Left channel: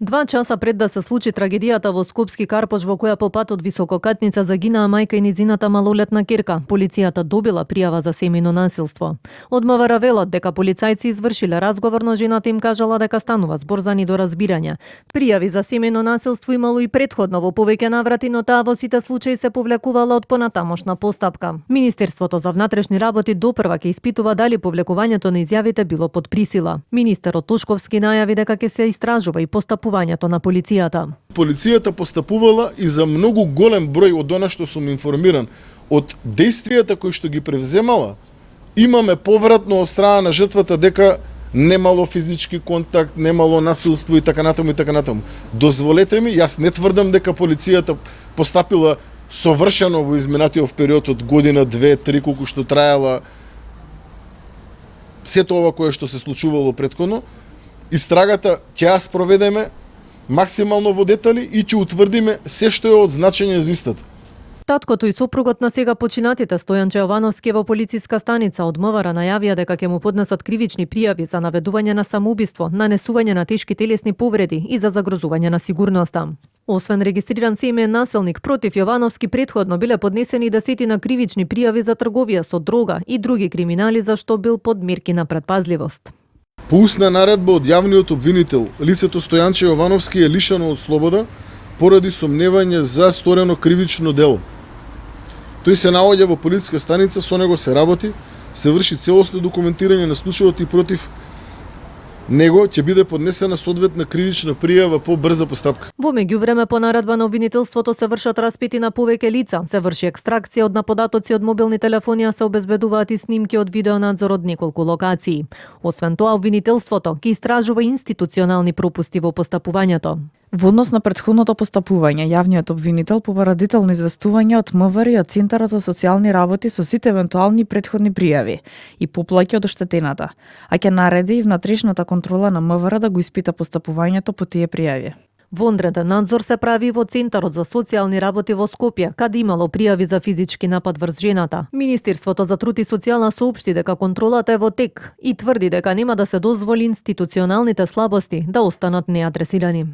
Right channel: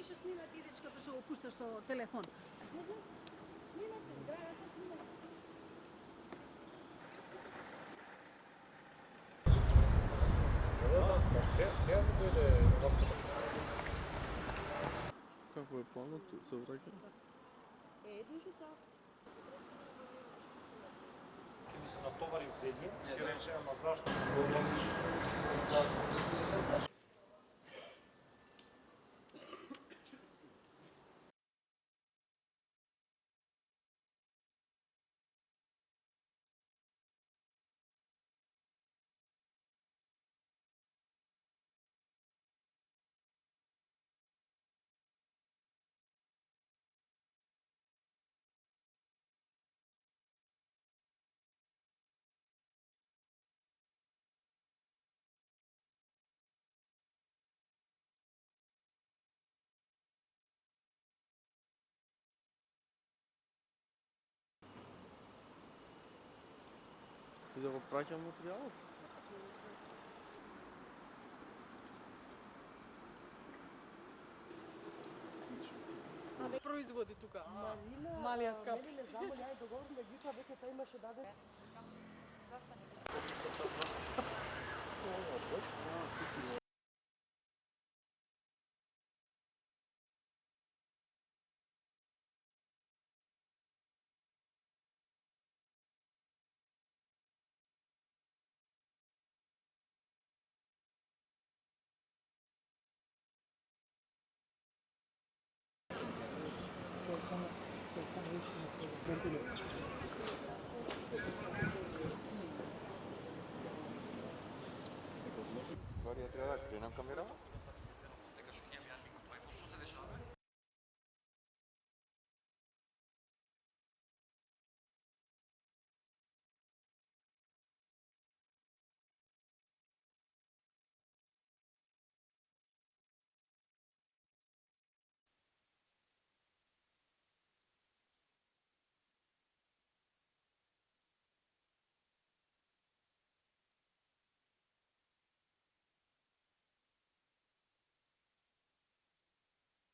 2 часа пред да се случи трагедијата во Скопски Карпош во која по патот Висококатница загинаа мајка и низината малолетна ќерка, полицијата добила пријава за семејно насилство. Од МВР велат дека полицајци извршиле разговор, но жената им кажала дека станува збор за недоразбирање. Пријави за семејно насилство имало и претходно во повеќе наврати, но таа во сите случаи се повлекувала од понатамошна постапка. Министерството за внатрешни работи допрва ќе испитува дали повлекувањето на изјавите било под присила. Министерот Тошковски најави дека ќе се истражува и постапувањето на полицијата. Полицијата постапувала и за многу голем број од она што сум информиран од действијата кои што ги превземала. Имаме повратно од страна на жртвата дека немало физички контакт, немало насилство и така натаму и така натаму. Дозволете ми, јас не тврдам дека полицијата постапила совршено во изминатиот период од година, 2, 3, колку што траела сето ова кое што се случувало претходно. Истрагата ќе ја спроведеме максимално во детали и ќе утврдиме се што е од значење за истата. Таткото и сопругот на сега починатите Стојанче Јовановски во полициска станица од МВР најавија дека ќе му поднесат кривични пријави за наведување на самоубиство, нанесување на тешки телесни повреди и за загрозување на сигурноста. Освен регистриран семеен насилник против Јовановски, претходно биле поднесени 10 кривични пријави за трговија со дрога и други криминали за што бил под мерки на предпазливост. По устна наредба од јавниот обвинител, лицето Стојанче Јовановски е лишено од слобода поради сомневање за сторено кривично дело. Тој се наоѓа во полициска станица, со него се работи, се врши целосно документирање на случајот и против него ќе биде поднесена соодветна кривична пријава по брза постапка. Во меѓувреме по наредба на обвинителството се вршат распити на повеќе лица, се врши екстракција од наподатоци од мобилни телефони, а се обезбедуваат и снимки од видеонадзор од неколку локации. Освен тоа, обвинителството ќе истражува институционални пропусти во постапувањето. Во однос на претходното постапување, јавниот обвинител побара детално известување од МВР и од Центарот за социјални работи со сите евентуални претходни пријави и поплаќи од оштетената, а ќе нареди и внатрешната контрола на МВР да го испита постапувањето по тие пријави. Вонреден надзор се прави во Центарот за социјални работи во Скопје, каде имало пријави за физички напад врз жената. Министерството за труд и социјална соопшти дека контролата е во тек и тврди дека нема да се дозволи институционалните слабости да останат неадресирани.